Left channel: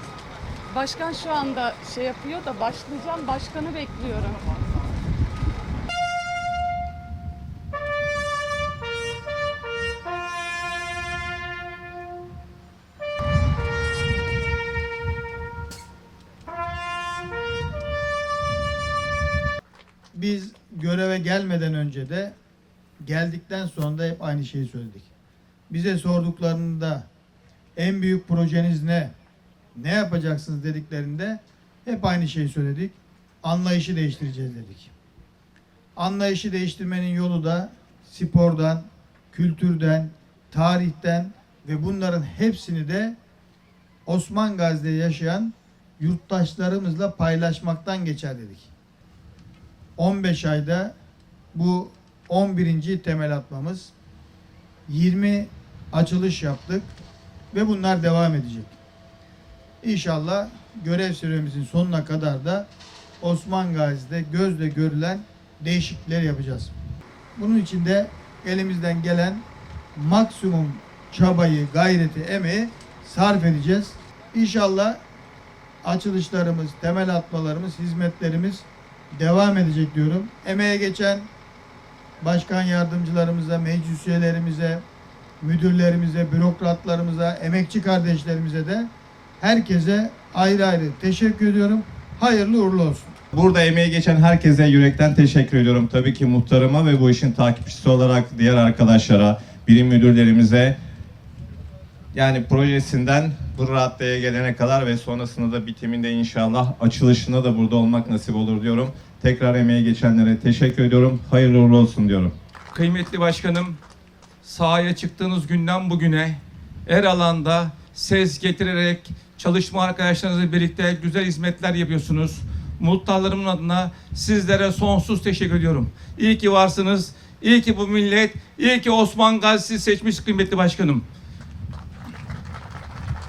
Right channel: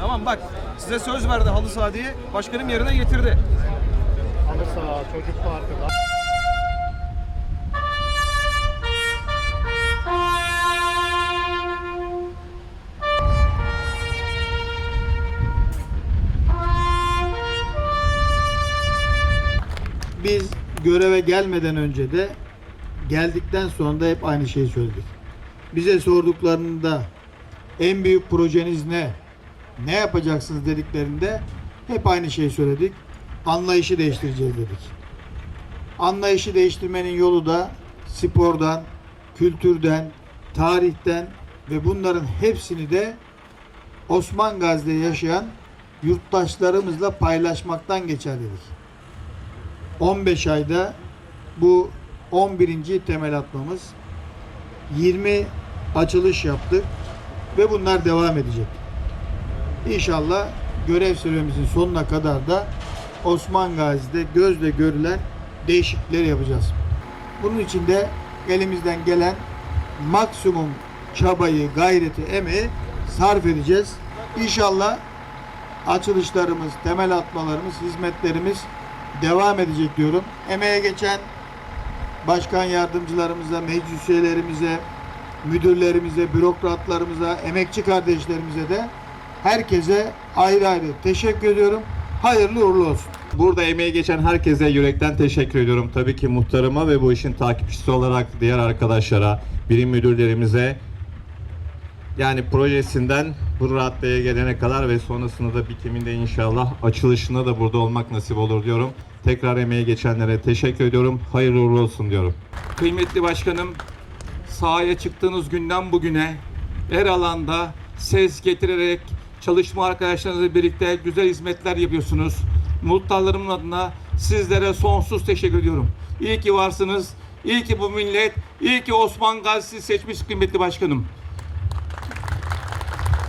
Tamam bak. Size Başkan söz şu verdi halı saha şey diye. da Başkanım baş- yerine getirdi. Başkanı bekliyorum. Biz göreve gelmeden önce de geldikten sonra da hep aynı şeyi söyledik. Bize sorduklarında en büyük projeniz ne? Ne yapacaksınız dediklerinde hep aynı şeyi söyledik. Anlayışı değiştireceğiz dedik. Anlayışı değiştirmenin yolu da spordan, kültürden, tarihten ve bunların hepsini de Osman Gazi'de yaşayan yurttaşlarımızla paylaşmaktan geçer dedik. 15 ayda bu 11. temel atmamız 20 açılış yaptık ve bunlar devam edecek. İnşallah görev süremizin sonuna kadar da Osman Gazi'de gözle görülen değişiklikler yapacağız. Bunun için de elimizden gelen maksimum çabayı, gayreti, emeği sarf edeceğiz. İnşallah açılışlarımız, temel atmalarımız, hizmetlerimiz devam edecek diyorum. Emeğe geçen başkan yardımcılarımıza, meclis üyelerimize, müdürlerimize, bürokratlarımıza, emekçi kardeşlerimize de herkese ayrı ayrı teşekkür ediyorum. Hayırlı uğurlu olsun. Burada emeği geçen herkese yürekten teşekkür ediyorum. Tabii ki muhtarıma ve bu işin takipçisi olarak diğer arkadaşlara, birim müdürlerimize yani projesinden bu raddeye gelene kadar ve sonrasında da bitiminde inşallah açılışında da burada olmak nasip olur diyorum. Tekrar emeği geçenlere teşekkür ediyorum. Hayırlı uğurlu olsun diyorum. Kıymetli başkanım, sahaya çıktığınız günden bugüne her alanda ses getirerek çalışma arkadaşlarınızla birlikte güzel hizmetler yapıyorsunuz. Muhtarlarımın adına sizlere sonsuz teşekkür ediyorum. İyi ki varsınız. İyi ki bu millet, iyi ki Osman Gazi'si seçmiş kıymetli başkanım.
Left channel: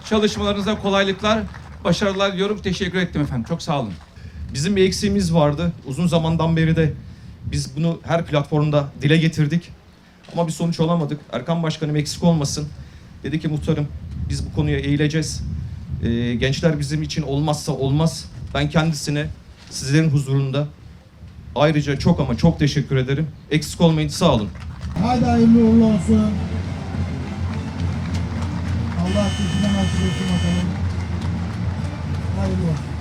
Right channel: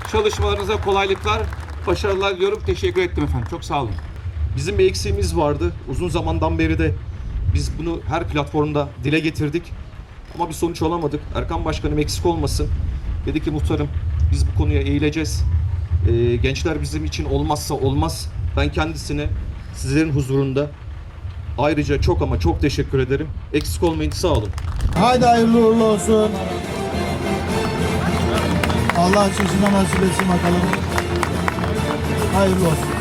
Çalışmalarınıza kolaylıklar, başarılar diliyorum. Teşekkür ettim efendim. Çok sağ olun. Bizim bir eksiğimiz vardı. Uzun zamandan beri de biz bunu her platformda dile getirdik. Ama bir sonuç alamadık. Erkan Başkanım eksik olmasın. Dedi ki muhtarım biz bu konuya eğileceğiz. Ee, gençler bizim için olmazsa olmaz. Ben kendisine sizlerin huzurunda ayrıca çok ama çok teşekkür ederim. Eksik olmayın sağ olun. Hadi hayırlı uğurlu olsun. Allah sizi nasip etsin bakalım. Hayırlı olsun.